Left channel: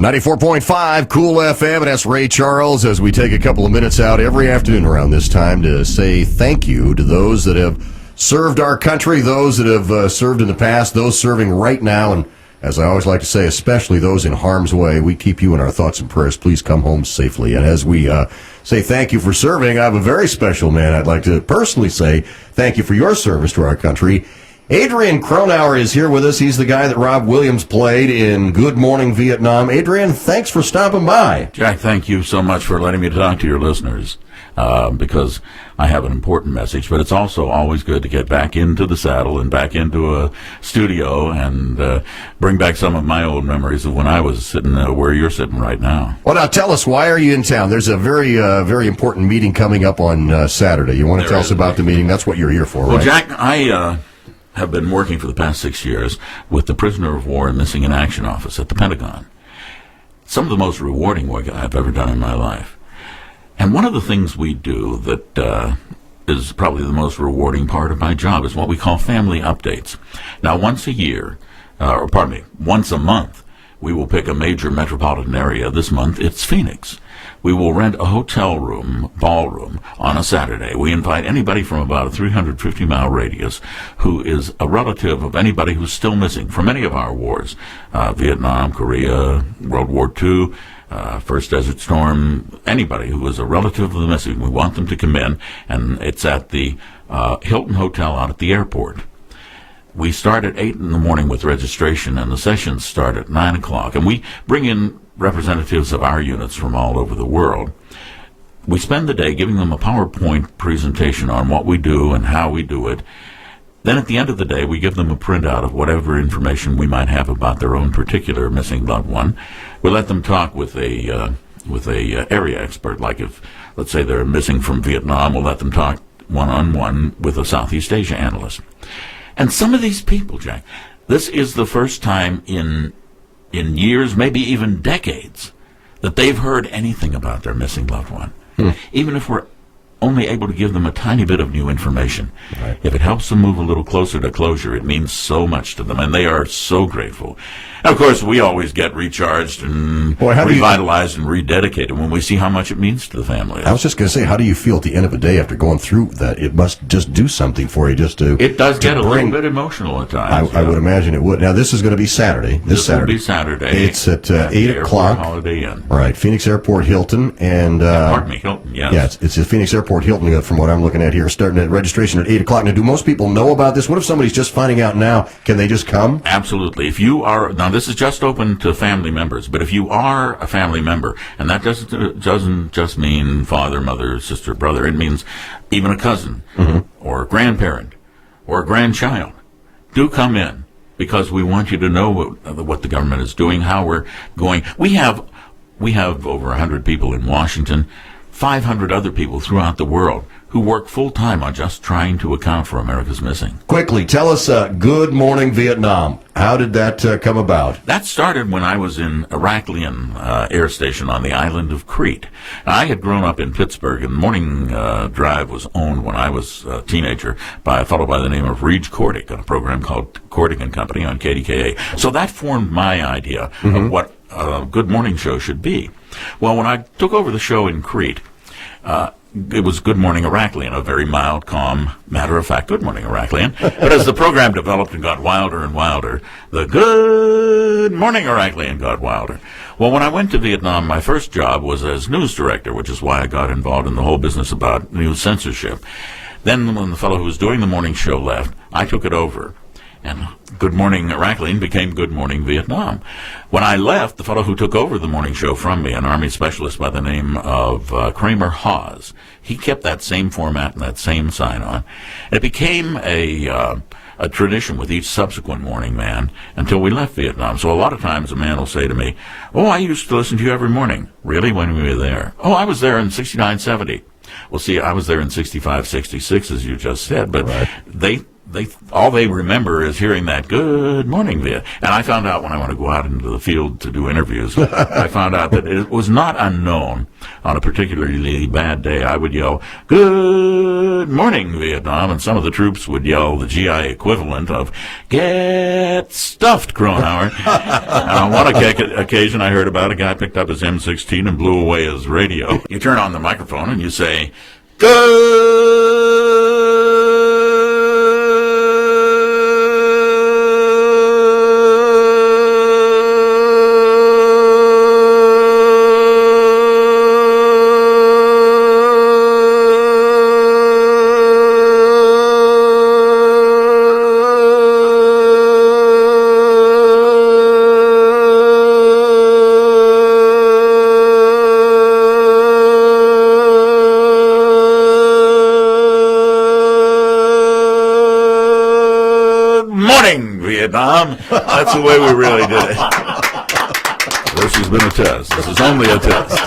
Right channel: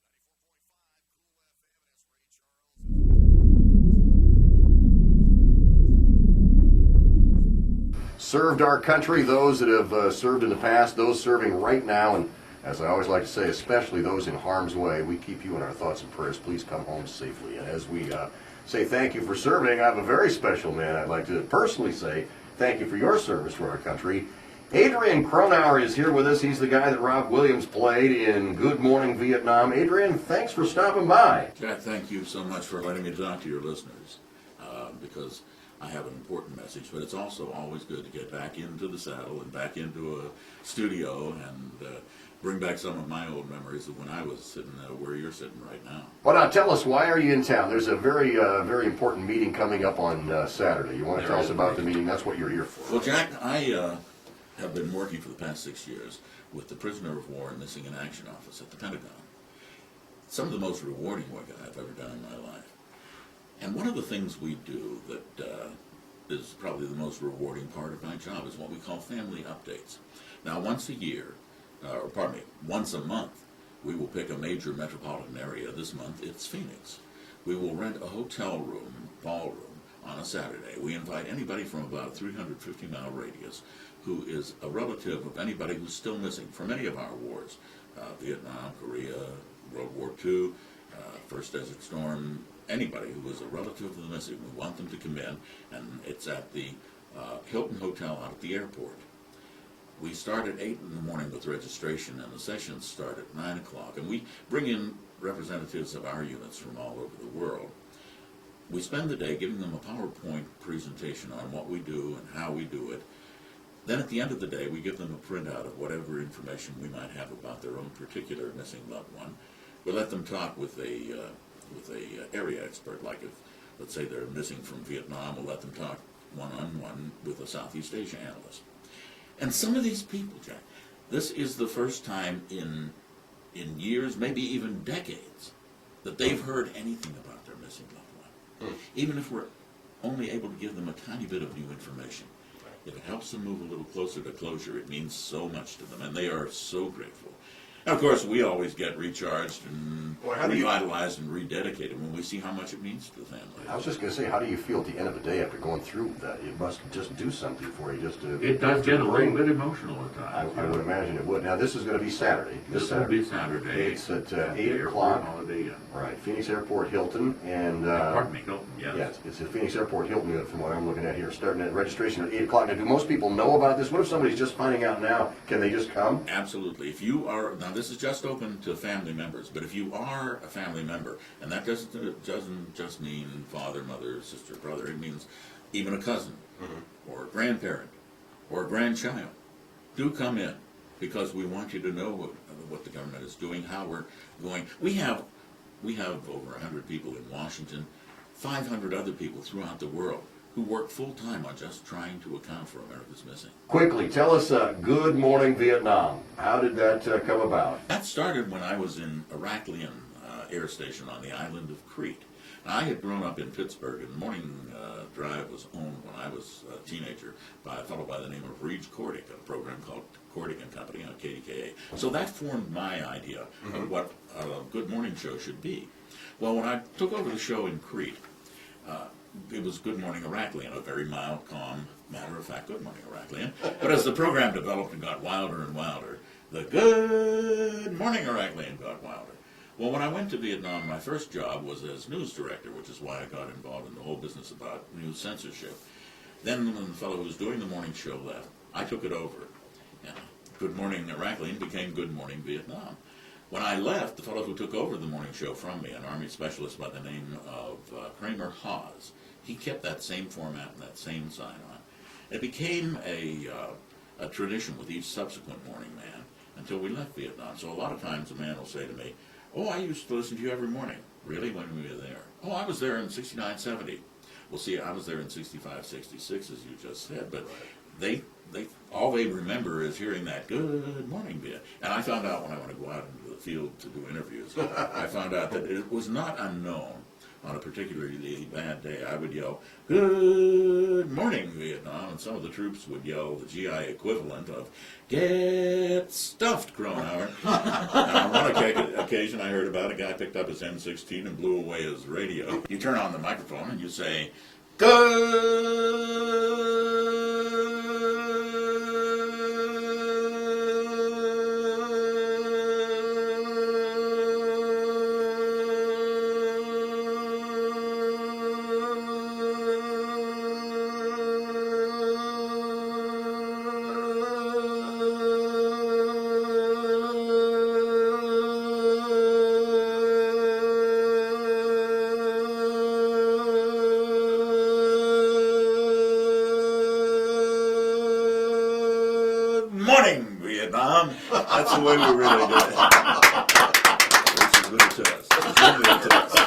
94.5 KOOL FM, and that's Ray Charles as we take a couple of minutes out every afternoon around this time to say thank you to those that have served our country, those that have served in the past, those serving right now, and as I always like to say, especially those in harm's way. We keep you in our thoughts and prayers. Please come home safely. And as we say thank you for serving, I have a very special man I'd like to personally say thank you for your service to our country. Adrian Cronauer is here with us. He's the guy that Rob Williams played in Good Morning Vietnam. Adrian, thanks for stopping by. Jack, thank you so much for letting me talk to your listeners, because I have an important message, but it's also always good to get back into the saddle and back into a studio and bring back some of my old memories of when I was sitting where you're sitting right now. Well, now tell us, why are you in town? There's a very very important meeting coming up on Saturday. You want to tell us about the meeting? That's what you're here for, right? Well, Jack, I have been working for the past 6 years with the Prisoner of War and Missing in Action Office at the Pentagon. Some of the most rewarding work I've ever done in my life. And one of the things we do that is probably the most rewarding part of my job is what we call family updates. Now, once a month, we will pick a major metropolitan area. This month, it's Phoenix. We will rent a hotel room, ballroom, on a Saturday. We invite anybody from about a 350-mile radius who is a relative of anybody who's still missing from any of our wars, Vietnam, Korea, World War II, First Desert Storm, anybody who is a relative of the missing. We want them to come in, and it's at the Hilton Hotel out at the airport. We start at 8 in the morning with registration, and the sessions start at 9 o'clock. And we bring in representatives of our units from all over the world. We spend the day giving them a PowerPoint presentation on what we do and how we do it. Then at the end of the day, we give them a printout of whatever information we might have about their own particular missing loved one. We let them talk with a area expert, like if, let's say, they're missing from Vietnam, we'll let them talk one-on-one with a Southeast Asia analyst. And some of these people, Jack, this is the first time in years, maybe even decades, that they've heard anything about their missing loved one. Even if we're only able to give them a tiny bit of new information. Right. If it helps them move a little closer to closure, it means so much to them, and they are so grateful. And of course, we always get recharged and revitalized and rededicated when we see how much it means to the family. I was just going to say, how do you feel at the end of the day after going through that? It must just do something for you just to... It does get a little bit emotional at times. I would imagine it would. Now, this is going to be Saturday. This will be Saturday. It's at 8 o'clock. Holiday Inn. Right, Phoenix Airport Hilton. And Hilton, yes. Yeah, it's at Phoenix Airport Hilton, from what I'm looking at here, starting at registration at 8 o'clock. Now, do most people know about this? What if somebody's just finding out now? Can they just come? Absolutely. If you are... Now, this is just open to family members, but if you are a family member, and that doesn't just mean father, mother, sister, brother, it means even a cousin, or a grandparent, or a grandchild, do come in, because we want you to know what the government is doing, how we're going. We have over 100 people in Washington, 500 other people throughout the world who work full-time on just trying to account for America's missing. Quickly, tell us, Good Morning Vietnam. How did that come about? That started when I was in Heraklion Air Station on the island of Crete. I had grown up in Pittsburgh, and Morning Drive was owned when I was a teenager by a fellow by the name of Reed Cordick on a program called Cordick and Company on KDKA. So that formed my idea of what a good morning show should be. Well, when I took over the show in Crete, it was Good Morning Heraklion, a very mild, calm, matter-of-fact Good Morning Heraklion. But as the program developed and got wilder and wilder, the Good Morning Heraklion got wilder. Well, when I went to Vietnam, my first job was as news director, which is why I got involved in the whole business about news censorship. Then when the fellow who was doing the morning show left, I took it over. And Good Morning Heraklion became Good Morning Vietnam. When I left, the fellow who took over the morning show from me, an Army specialist by the name of Kramer Hawes, he kept that same format and that same sign-on. It became a tradition with each subsequent morning man until we left Vietnam. So a lot of times a man will say to me, "Oh, I used to listen to you every morning." "Really? When were you there?" "Oh, I was there in 69, 70. Well, see, I was there in 65, 66, as you just said, but all they remember is hearing that "Good morning, Viet." And I found out when I want to go out into the field to do interviews, I found out that it was not unknown. On a particularly bad day, I would yell "Good morning, Vietnam," and some of the troops would yell the GI equivalent of "Get stuffed, Cronauer." And on one occasion, I heard about a guy picked up his M16 and blew away his radio. You turn on the microphone and you say, "Good morning, Vietnam." That's the way we really did it. This has been a test. This is only a test.